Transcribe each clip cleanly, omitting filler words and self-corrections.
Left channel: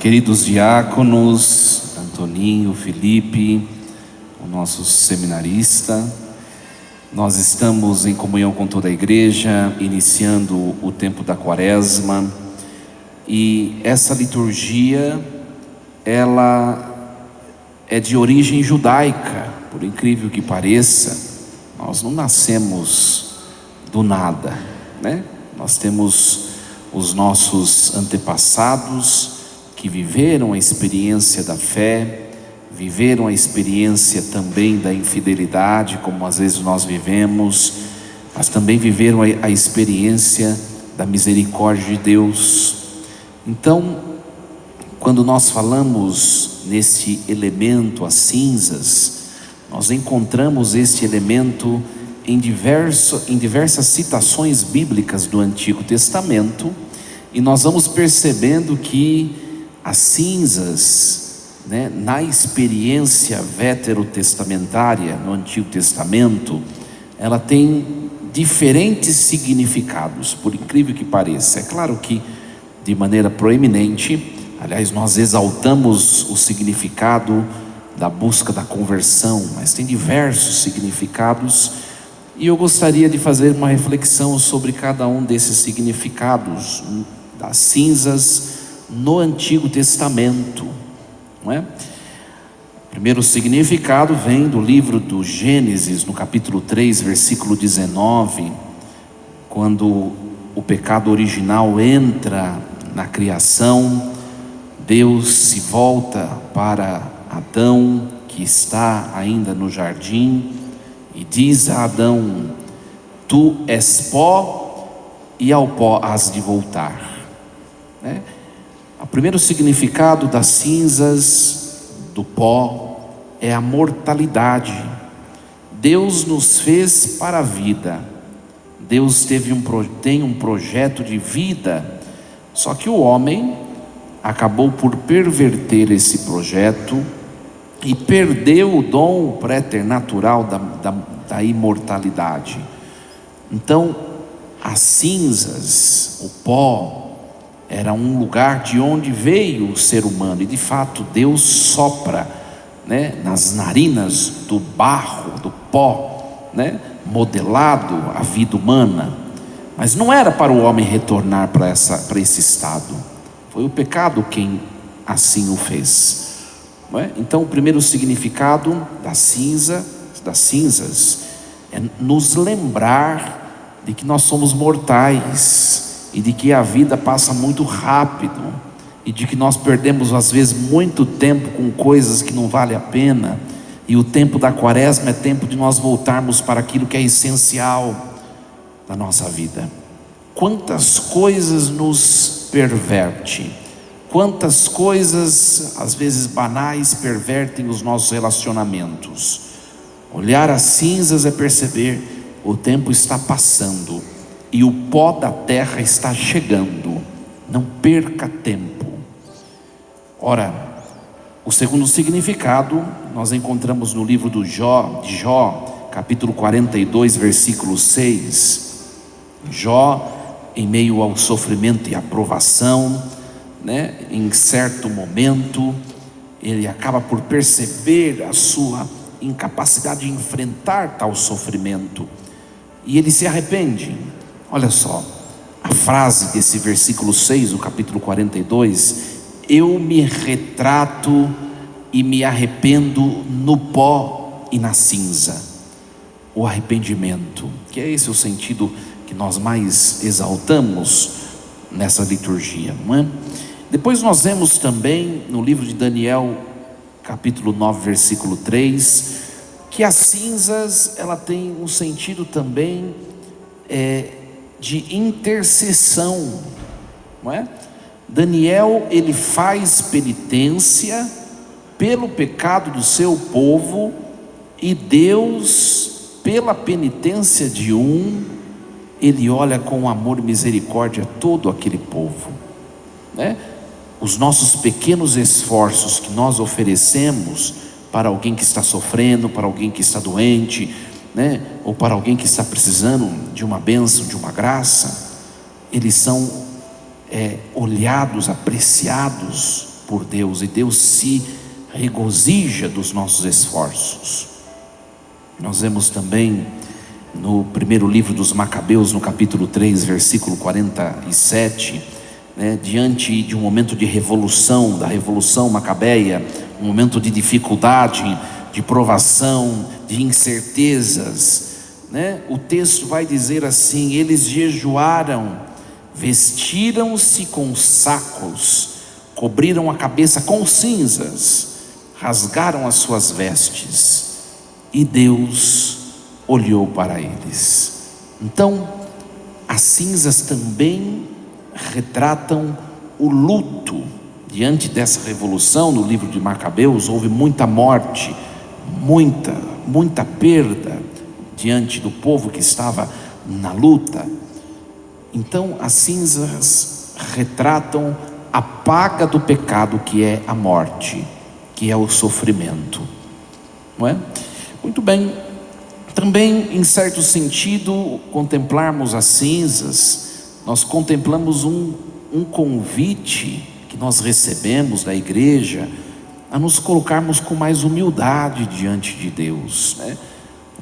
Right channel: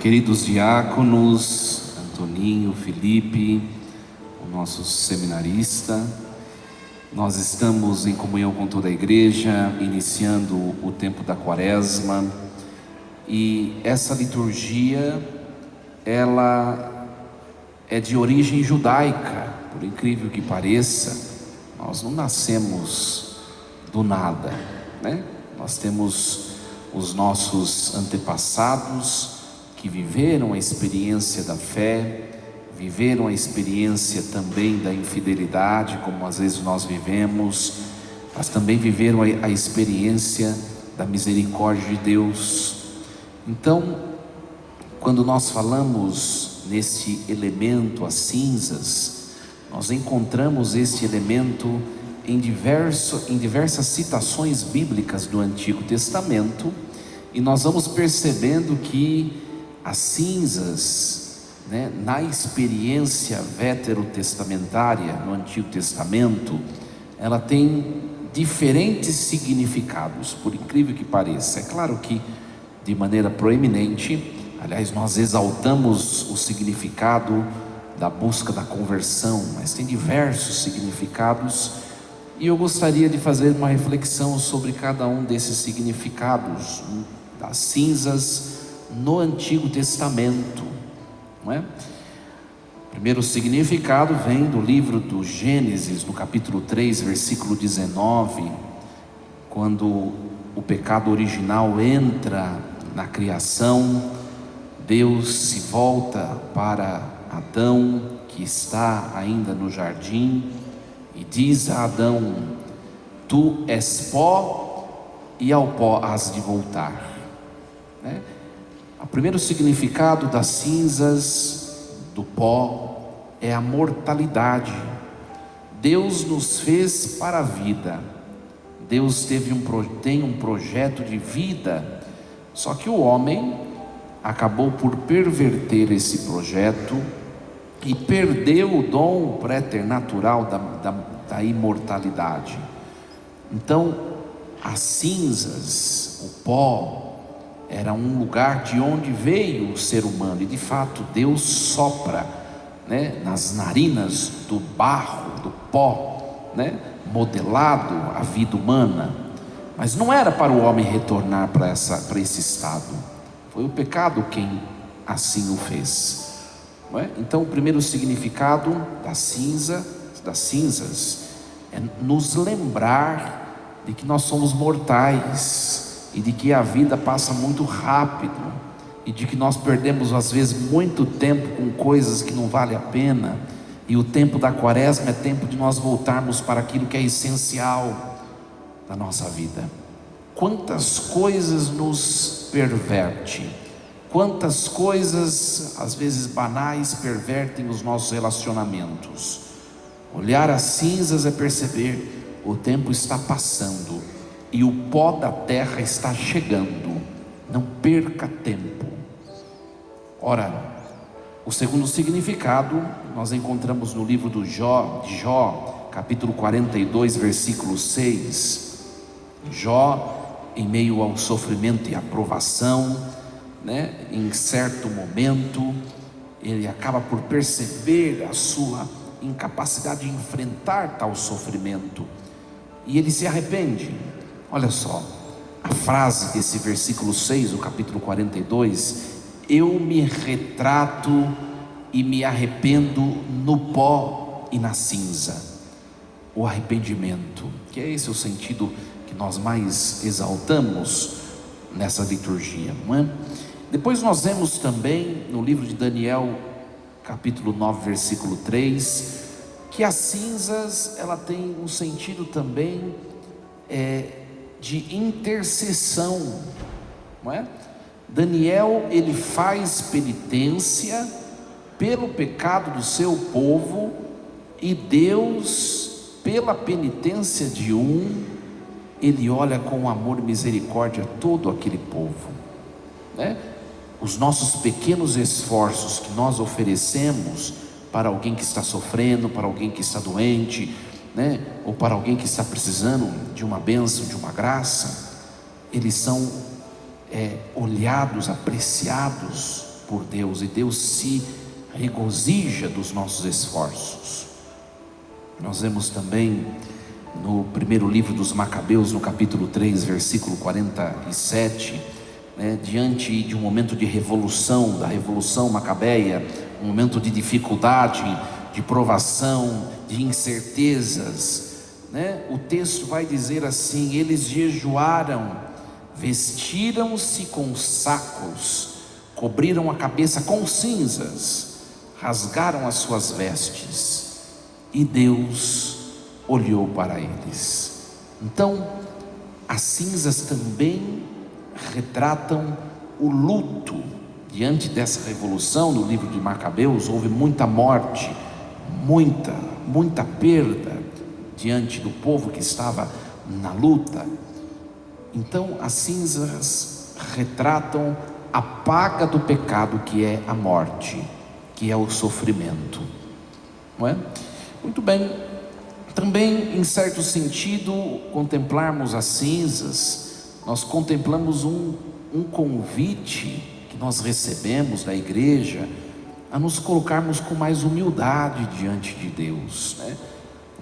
Queridos diáconos, Antoninho, Felipe, o nosso seminarista, nós estamos em comunhão com toda a igreja, iniciando o tempo da Quaresma, e essa liturgia, ela é de origem judaica, por incrível que pareça. Nós não nascemos do nada, né? Nós temos os nossos antepassados que viveram a experiência da fé, viveram a experiência também da infidelidade, como às vezes nós vivemos, mas também viveram a experiência da misericórdia de Deus. Então, quando nós falamos nesse elemento, as cinzas, nós encontramos esse elemento em diversas citações bíblicas do Antigo Testamento, e nós vamos percebendo que as cinzas, na experiência veterotestamentária, no Antigo Testamento, ela tem diferentes significados, por incrível que pareça. É claro que de maneira proeminente, aliás, nós exaltamos o significado da busca da conversão, mas tem diversos significados, e eu gostaria de fazer uma reflexão sobre cada um desses significados das cinzas no Antigo Testamento, não é? O primeiro significado vem do livro do Gênesis, no capítulo 3, versículo 19, quando o pecado original entra na criação. Deus se volta para Adão, que está ainda no jardim, e diz a Adão: tu és pó e ao pó has de voltar, né? O primeiro significado das cinzas, do pó, é a mortalidade. Deus nos fez para a vida. Deus tem um projeto de vida, só que o homem acabou por perverter esse projeto e perdeu o dom preternatural da imortalidade. Então, as cinzas, o pó, era um lugar de onde veio o ser humano, e de fato Deus sopra, nas narinas do barro, do pó, modelado a vida humana, mas não era para o homem retornar para esse estado. Foi o pecado quem assim o fez, não é? Então, o primeiro significado das cinzas é nos lembrar de que nós somos mortais, e de que a vida passa muito rápido, e de que nós perdemos às vezes muito tempo com coisas que não valem a pena, e o tempo da Quaresma é tempo de nós voltarmos para aquilo que é essencial da nossa vida. Quantas coisas nos perverte, quantas coisas às vezes banais pervertem os nossos relacionamentos. Olhar as cinzas é perceber: o tempo está passando e o pó da terra está chegando, não perca tempo. Ora, o segundo significado nós encontramos no livro de Jó, capítulo 42, versículo 6. Jó, em meio ao sofrimento e à provação, em certo momento, ele acaba por perceber a sua incapacidade de enfrentar tal sofrimento, e ele se arrepende. Olha só, a frase desse versículo 6, do capítulo 42: eu me retrato e me arrependo no pó e na cinza. O arrependimento, que é esse o sentido que nós mais exaltamos nessa liturgia, não é? Depois nós vemos também no livro de Daniel, capítulo 9, versículo 3, que as cinzas, ela tem um sentido também de intercessão, não é? Daniel, ele faz penitência pelo pecado do seu povo, e Deus, pela penitência de ele olha com amor e misericórdia todo aquele povo, Os nossos pequenos esforços que nós oferecemos para alguém que está sofrendo, para alguém que está doente, ou para alguém que está precisando de uma bênção, de uma graça, eles são olhados, apreciados por Deus, e Deus se regozija dos nossos esforços. Nós vemos também no primeiro livro dos Macabeus, no capítulo 3, versículo 47, diante de um momento de revolução, da revolução macabeia, um momento de dificuldade, de provação, de incertezas, o texto vai dizer assim: eles jejuaram, vestiram-se com sacos, cobriram a cabeça com cinzas, rasgaram as suas vestes, e Deus olhou para eles. Então, as cinzas também retratam o luto. Diante dessa revolução, no livro de Macabeus, houve muita morte, muita perda diante do povo que estava na luta. Então, as cinzas retratam a paga do pecado, que é a morte, que é o sofrimento, não é? Muito bem. Também, em certo sentido, contemplarmos as cinzas, nós contemplamos um convite que nós recebemos da igreja a nos colocarmos com mais humildade diante de Deus,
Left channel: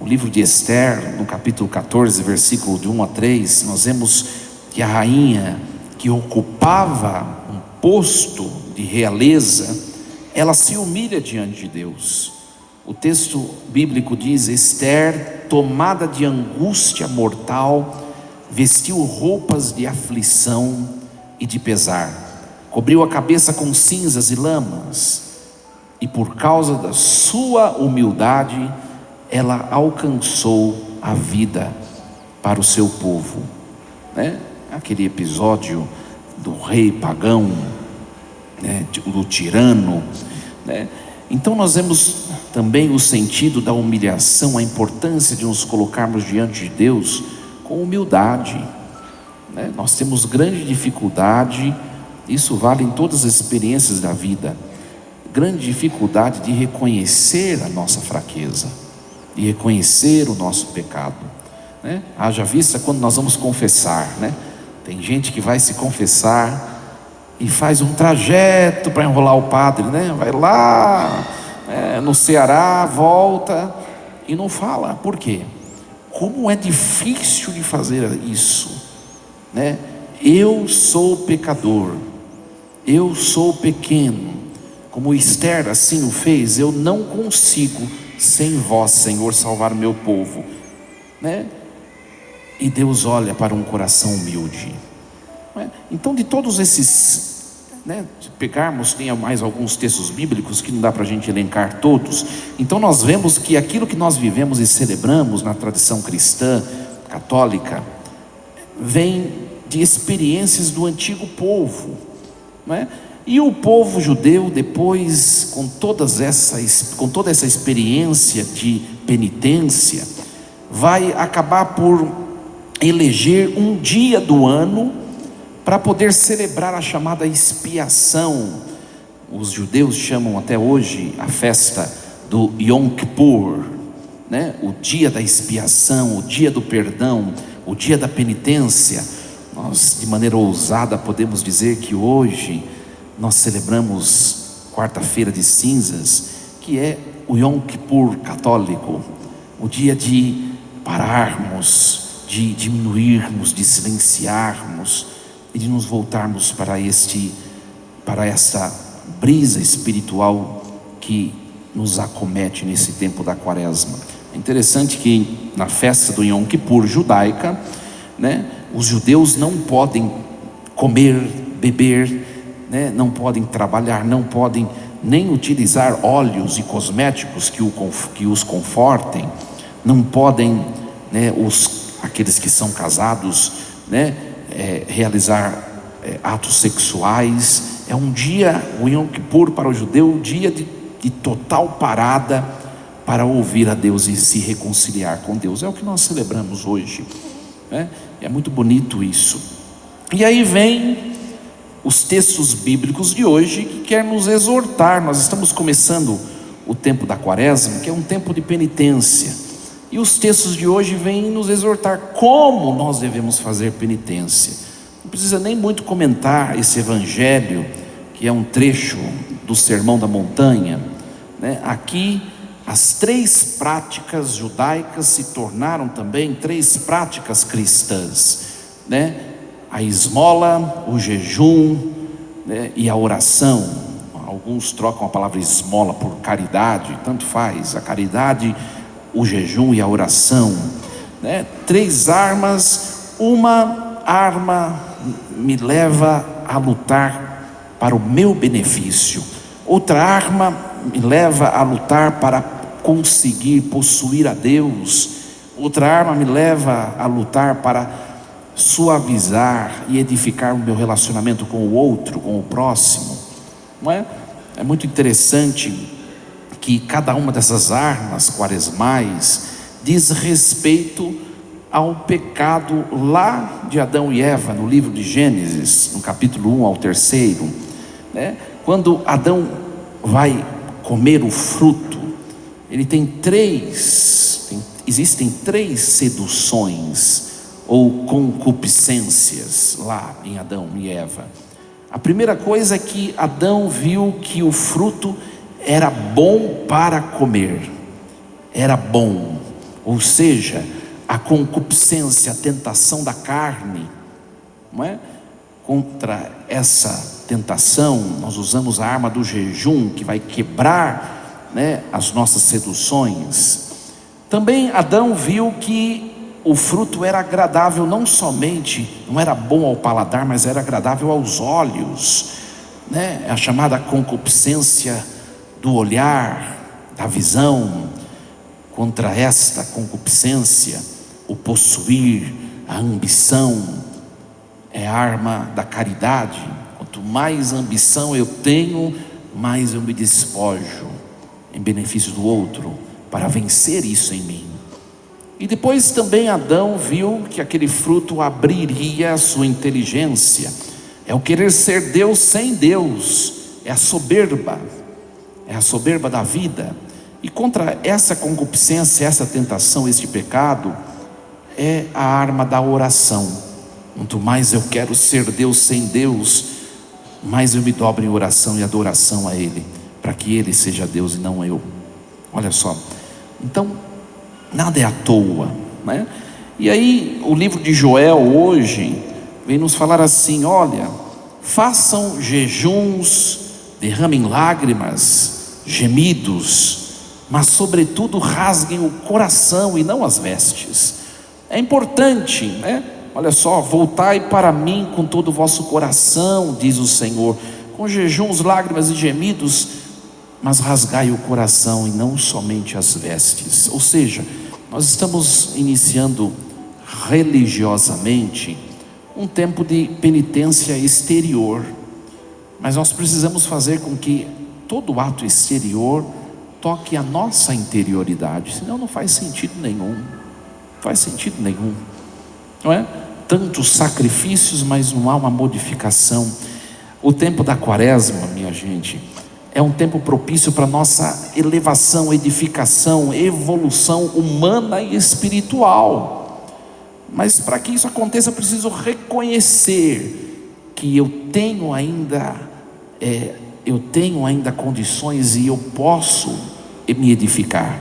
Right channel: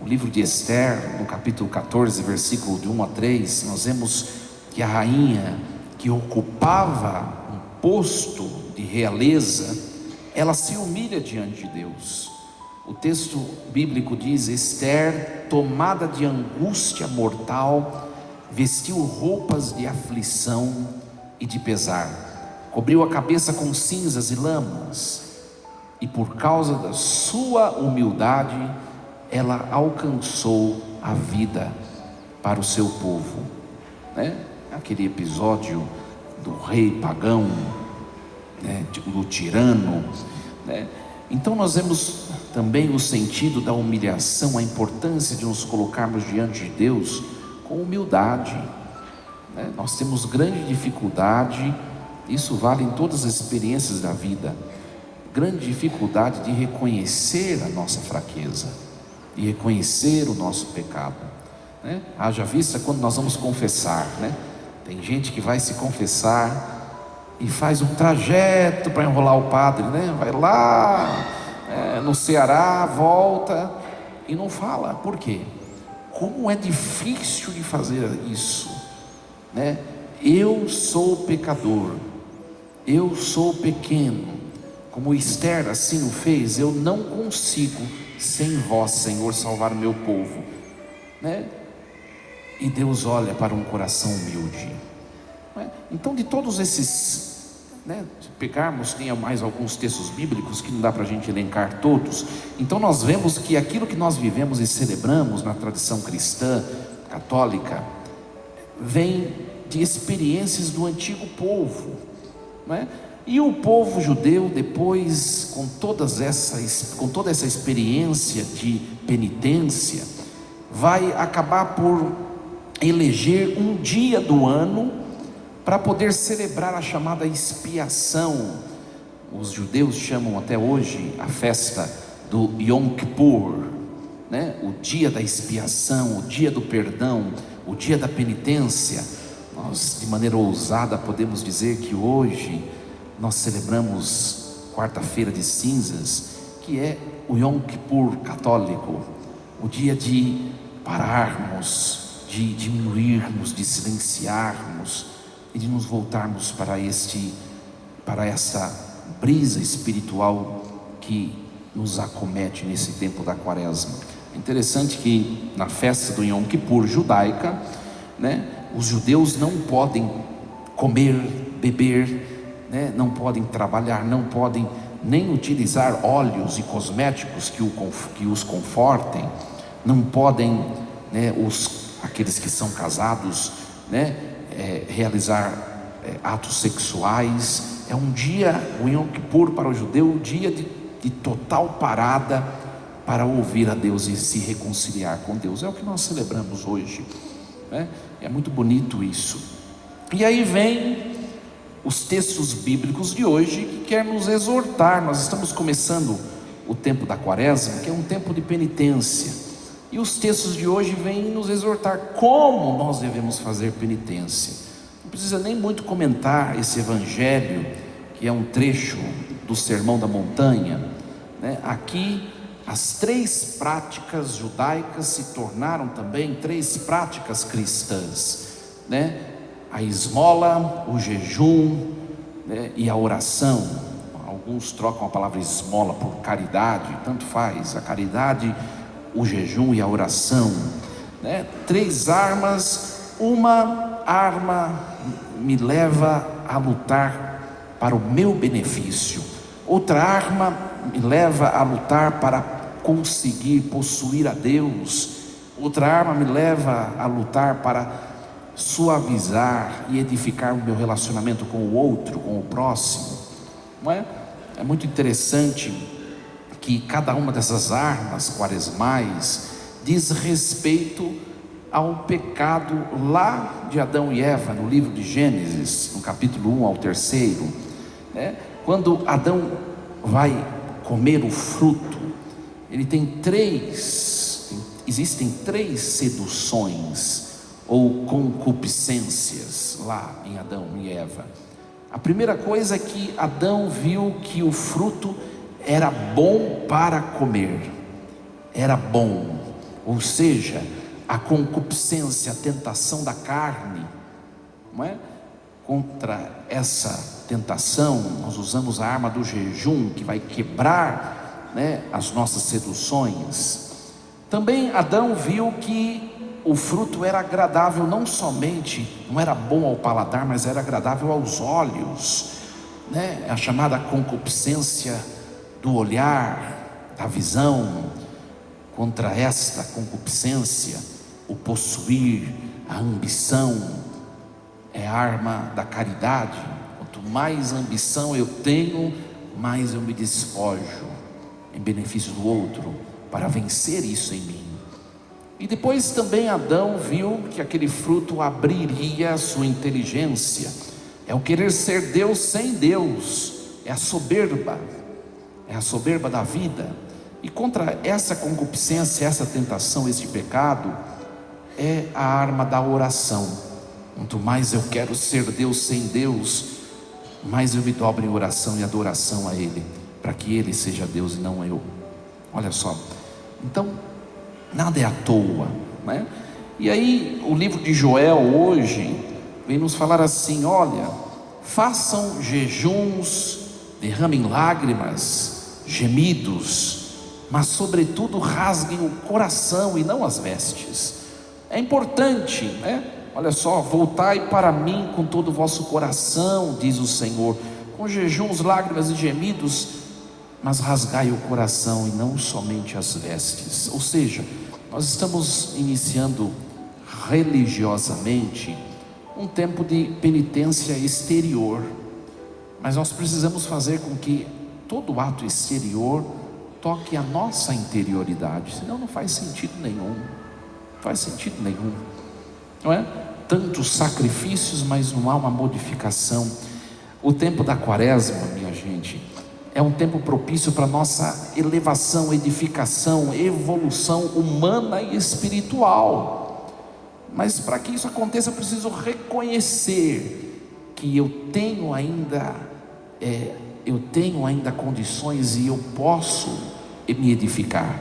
O livro de Esther, no capítulo 14, versículo de 1 a 3, nós vemos que a rainha que ocupava um posto de realeza, ela se humilha diante de Deus. O texto bíblico diz: Esther, tomada de angústia mortal, vestiu roupas de aflição e de pesar, cobriu a cabeça com cinzas e lamas, e por causa da sua humildade, ela alcançou a vida para o seu povo, Aquele episódio do rei pagão, do tirano, Então nós vemos também o sentido da humilhação, a importância de nos colocarmos diante de Deus com humildade, Nós temos grande dificuldade, isso vale em todas as experiências da vida, grande dificuldade de reconhecer a nossa fraqueza, de reconhecer o nosso pecado, Haja vista quando nós vamos confessar, Tem gente que vai se confessar e faz um trajeto para enrolar o padre, Vai lá no Ceará, volta e não fala. Por quê? Como é difícil de fazer isso, Eu sou pecador, eu sou pequeno, como Esther assim o fez. Eu não consigo sem vós, Senhor, salvar meu povo, E Deus olha para um coração humilde, Então, de todos esses, se pegarmos, tem mais alguns textos bíblicos que não dá para a gente elencar todos. Então nós vemos que aquilo que nós vivemos e celebramos na tradição cristã, católica, vem de experiências do antigo povo, E o povo judeu, depois, com toda essa experiência de penitência, vai acabar por eleger um dia do ano para poder celebrar a chamada expiação. Os judeus chamam até hoje a festa do Yom Kippur, O dia da expiação, o dia do perdão, o dia da penitência. Nós, de maneira ousada, podemos dizer que hoje nós celebramos quarta-feira de cinzas, que é o Yom Kippur católico, o dia de pararmos, de diminuirmos, de silenciarmos e de nos voltarmos para essa brisa espiritual que nos acomete nesse tempo da quaresma. É interessante que na festa do Yom Kippur judaica, os judeus não podem comer, beber, não podem trabalhar, não podem nem utilizar óleos e cosméticos que os confortem, não podem, aqueles que são casados, realizar atos sexuais. É um dia, o Yom Kippur para o judeu, um dia de total parada para ouvir a Deus e se reconciliar com Deus. É o que nós celebramos hoje, É muito bonito isso. E aí vem os textos bíblicos de hoje que quer nos exortar. Nós estamos começando o tempo da quaresma, que é um tempo de penitência, e os textos de hoje vêm nos exortar como nós devemos fazer penitência. Não precisa nem muito comentar esse evangelho, que é um trecho do Sermão da Montanha, né? Aqui as 3 práticas judaicas se tornaram também 3 práticas cristãs, né? A esmola, o jejum, né? E a oração. Alguns trocam a palavra esmola por caridade, tanto faz, a caridade, o jejum e a oração, né? 3 armas. Uma arma me leva a lutar para o meu benefício, outra arma me leva a lutar para conseguir possuir a Deus, outra arma me leva a lutar para suavizar e edificar o meu relacionamento com o outro, com o próximo, não é? É muito interessante que cada uma dessas armas quaresmais diz respeito ao pecado lá de Adão e Eva, no livro de Gênesis, no capítulo 1 ao 3, né? Quando Adão vai comer o fruto, ele tem existem 3 seduções ou concupiscências lá em Adão e Eva. A primeira coisa é que Adão viu que o fruto era bom para comer, era bom, ou seja, a concupiscência, a tentação da carne, não é? Contra essa tentação, nós usamos a arma do jejum, que vai quebrar, né, as nossas seduções. Também Adão viu que o fruto era agradável, não era bom ao paladar, mas era agradável aos olhos, né? A chamada concupiscência do olhar, da visão. Contra esta concupiscência, o possuir, a ambição, é a arma da caridade. Quanto mais ambição eu tenho, mais eu me despojo em benefício do outro, para vencer isso em mim. E depois também Adão viu que aquele fruto abriria a sua inteligência, é o querer ser Deus sem Deus, é a soberba da vida. E contra essa concupiscência, essa tentação, este pecado, é a arma da oração. Quanto mais eu quero ser Deus sem Deus, mais eu me dobro em oração e adoração a Ele, para que Ele seja Deus e não eu. Olha só, então nada é à toa, né? E aí o livro de Joel hoje vem nos falar assim: olha, façam jejuns, derramem lágrimas, gemidos, mas sobretudo rasguem o coração e não as vestes. É importante, né? Olha só, voltai para mim com todo o vosso coração, diz o Senhor, com jejuns, lágrimas e gemidos, mas rasgai o coração e não somente as vestes. Ou seja, nós estamos iniciando religiosamente um tempo de penitência exterior, mas nós precisamos fazer com que todo ato exterior toque a nossa interioridade, senão não faz sentido nenhum, não é? Tantos sacrifícios, mas não há uma modificação. O tempo da quaresma, minha gente, é um tempo propício para nossa elevação, edificação, evolução humana e espiritual. Mas para que isso aconteça, eu preciso reconhecer que eu tenho ainda condições e eu posso me edificar.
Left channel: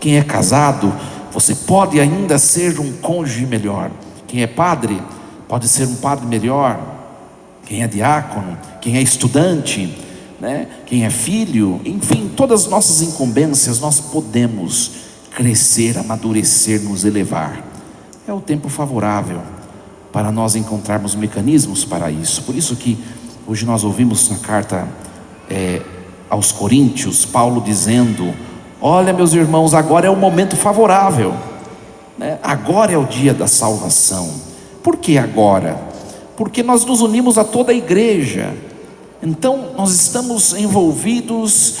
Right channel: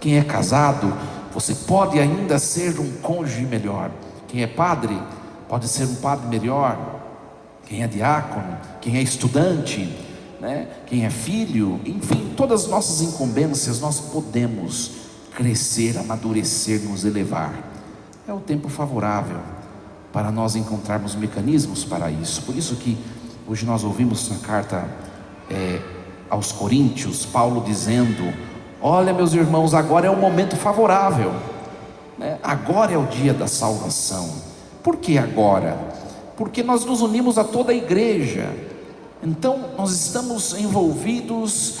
Quem é casado, você pode ainda ser um cônjuge melhor. Quem é padre, pode ser um padre melhor. Quem é diácono, quem é estudante, né? Quem é filho, enfim, todas as nossas incumbências nós podemos crescer, amadurecer, nos elevar. É o tempo favorável para nós encontrarmos mecanismos para isso. Por isso que hoje nós ouvimos na carta aos Coríntios, Paulo dizendo: olha, meus irmãos, agora é o momento favorável, né? Agora é o dia da salvação. Por que agora? Porque nós nos unimos a toda a igreja. Então nós estamos envolvidos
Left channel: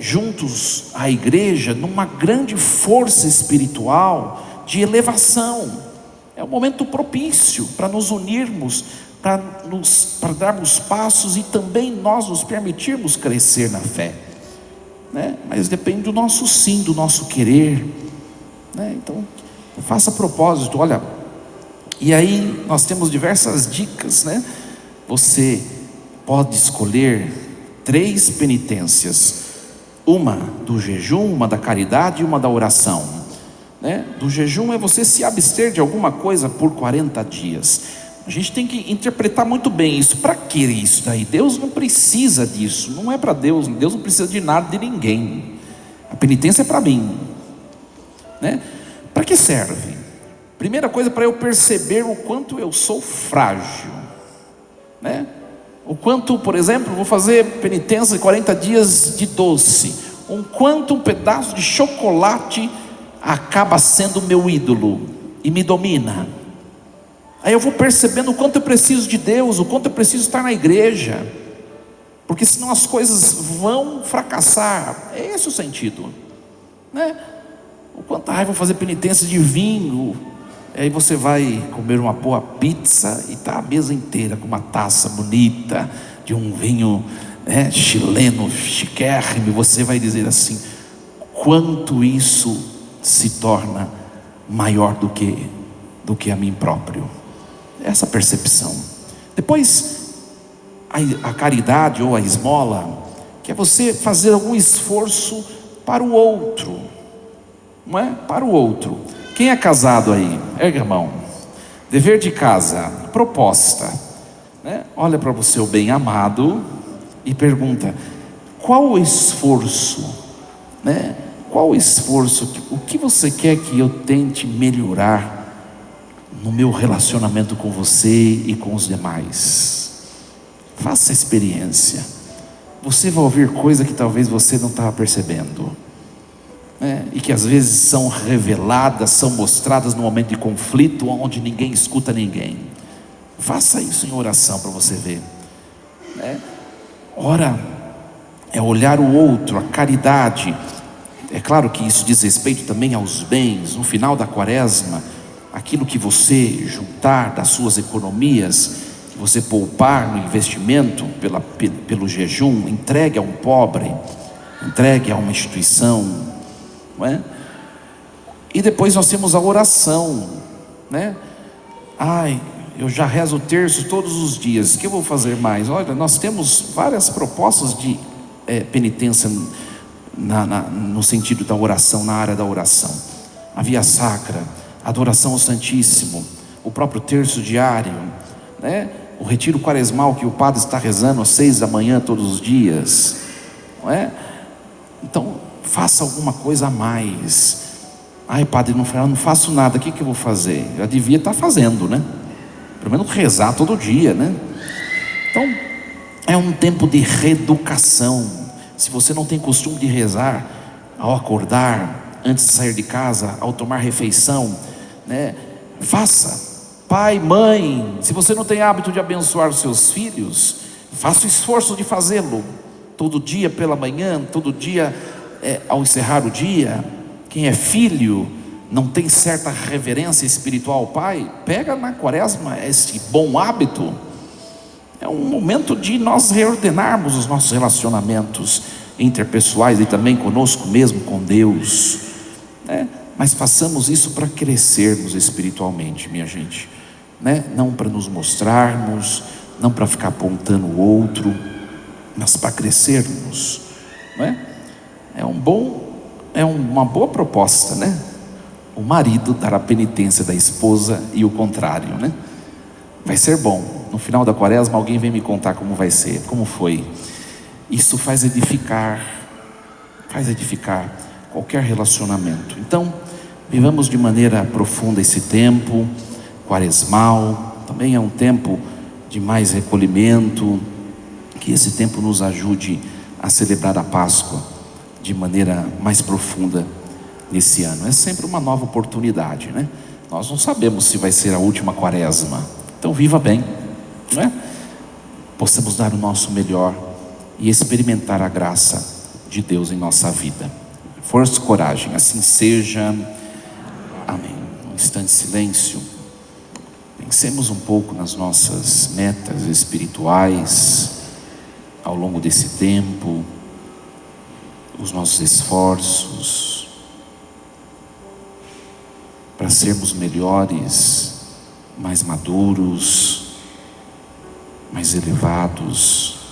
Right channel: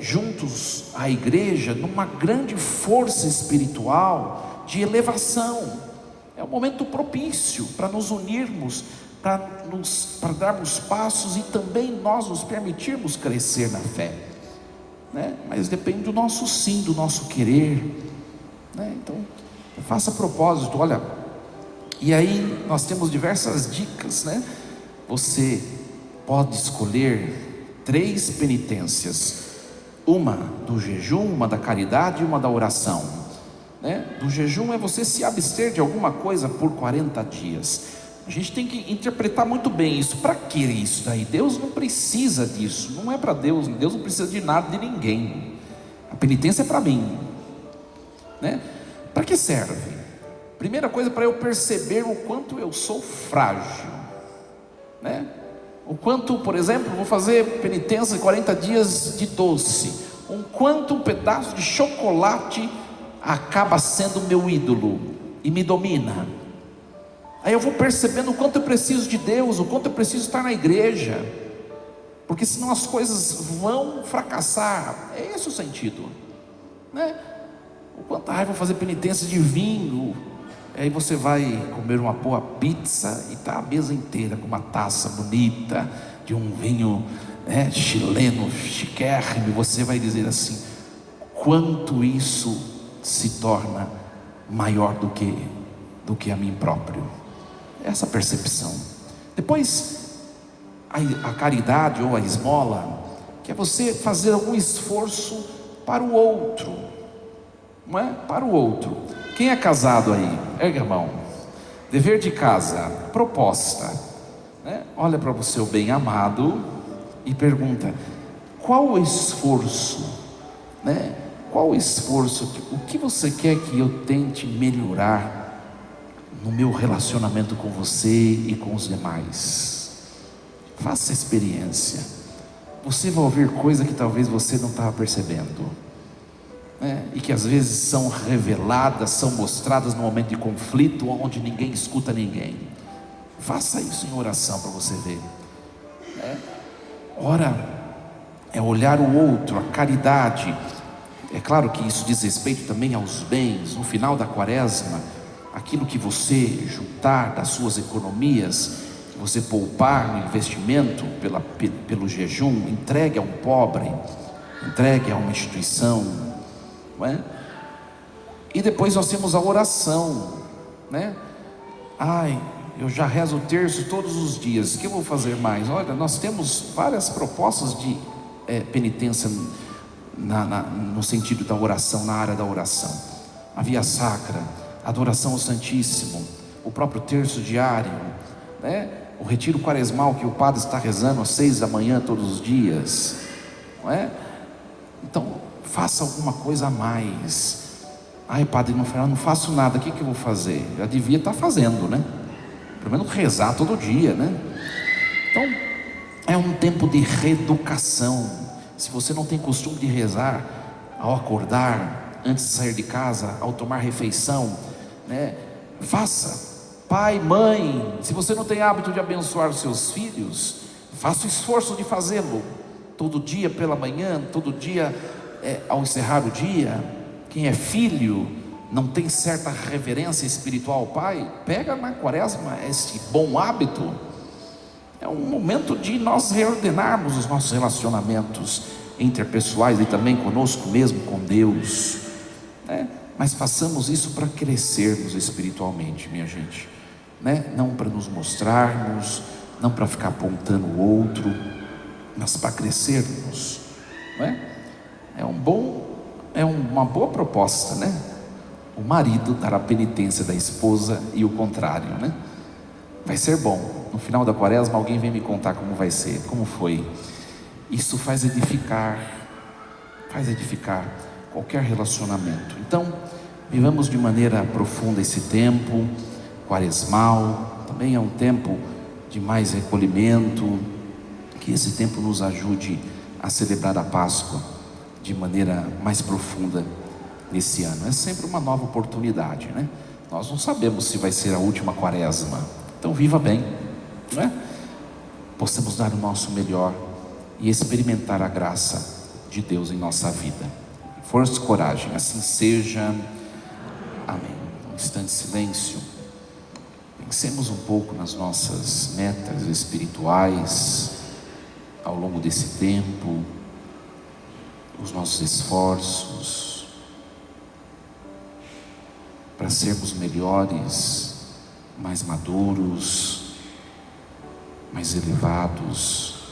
juntos à igreja numa grande força espiritual de elevação. É um momento propício para nos unirmos, para darmos passos e também nós nos permitirmos crescer na fé, né? Mas depende do nosso sim, do nosso querer, né? Então faça propósito. Olha, E aí nós temos diversas dicas, né? Você pode escolher 3 penitências: uma do jejum, uma da caridade e uma da oração, né? Do jejum é você se abster de alguma coisa por 40 dias. A gente tem que interpretar muito bem isso. Para que isso daí? Deus não precisa disso, não é para Deus. Deus não precisa de nada de ninguém. A penitência é para mim, né? Para que serve? Primeira coisa, para eu perceber o quanto eu sou frágil, né? O quanto, por exemplo, vou fazer penitência de 40 dias de doce, o quanto um pedaço de chocolate acaba sendo meu ídolo e me domina. Aí eu vou percebendo o quanto eu preciso de Deus, o quanto eu preciso estar na igreja, porque senão as coisas vão fracassar. É esse o sentido, né? O quanto, vou fazer penitência de vinho. Aí você vai comer uma boa pizza e está a mesa inteira com uma taça bonita de um vinho, né, chileno, chiquérrimo. Você vai dizer assim: quanto isso se torna maior do que a mim próprio. Essa percepção. Depois, a caridade ou a esmola, que é você fazer algum esforço para o outro, não é? Para o outro. Quem é casado aí? Ergue a mão. Dever de casa, proposta, né? Olha para o seu bem-amado e pergunta: qual o esforço, né? Qual o esforço, o que você quer que eu tente melhorar no meu relacionamento com você e com os demais? Faça a experiência. Você vai ouvir coisa que talvez você não estava percebendo, né? E que às vezes são reveladas, são mostradas no momento de conflito, onde ninguém escuta ninguém. Faça isso em oração para você ver, né? Ora é olhar o outro, a caridade. É claro que isso diz respeito também aos bens. No final da quaresma, aquilo que você juntar das suas economias, que você poupar no investimento pelo jejum, entregue a um pobre, entregue a uma instituição, não é? E depois nós temos a oração, né? Eu já rezo o terço todos os dias, o que eu vou fazer mais? Olha, nós temos várias propostas de penitência no sentido da oração, na área da oração. A via sacra, adoração ao Santíssimo, o próprio terço diário, né? O retiro quaresmal que o padre está rezando às 6 da manhã todos os dias, não é? Então faça alguma coisa a mais. Padre, não faço nada, o que eu vou fazer? Eu devia estar fazendo, né? Pelo menos rezar todo dia, né? Então é um tempo de reeducação. Se você não tem costume de rezar ao acordar, antes de sair de casa, ao tomar refeição, né? Faça. Pai, mãe, se você não tem hábito de abençoar os seus filhos, faça o esforço de fazê-lo todo dia pela manhã, todo dia ao encerrar o dia. Quem é filho não tem certa reverência espiritual ao pai, pega na quaresma esse bom hábito. É um momento de nós reordenarmos os nossos relacionamentos interpessoais e também conosco mesmo, com Deus, né? Mas façamos isso para crescermos espiritualmente, minha gente, né? Não para nos mostrarmos, não para ficar apontando o outro, mas para crescermos, né? É uma boa proposta, né? O marido dar a penitência da esposa e o contrário, né? Vai ser bom. No final da quaresma alguém vem me contar como vai ser, como foi. Isso faz edificar qualquer relacionamento. Então, vivamos de maneira profunda esse tempo quaresmal. Também é um tempo de mais recolhimento. Que esse tempo nos ajude a celebrar a Páscoa de maneira mais profunda nesse ano. É sempre uma nova oportunidade, né? Nós não sabemos se vai ser a última quaresma. Então viva bem, não é? Possamos dar o nosso melhor e experimentar a graça de Deus em nossa vida. Força e coragem, assim seja. Amém. Um instante de silêncio. Pensemos um pouco nas nossas metas espirituais ao longo desse tempo, os nossos esforços para sermos melhores mais maduros, mais elevados,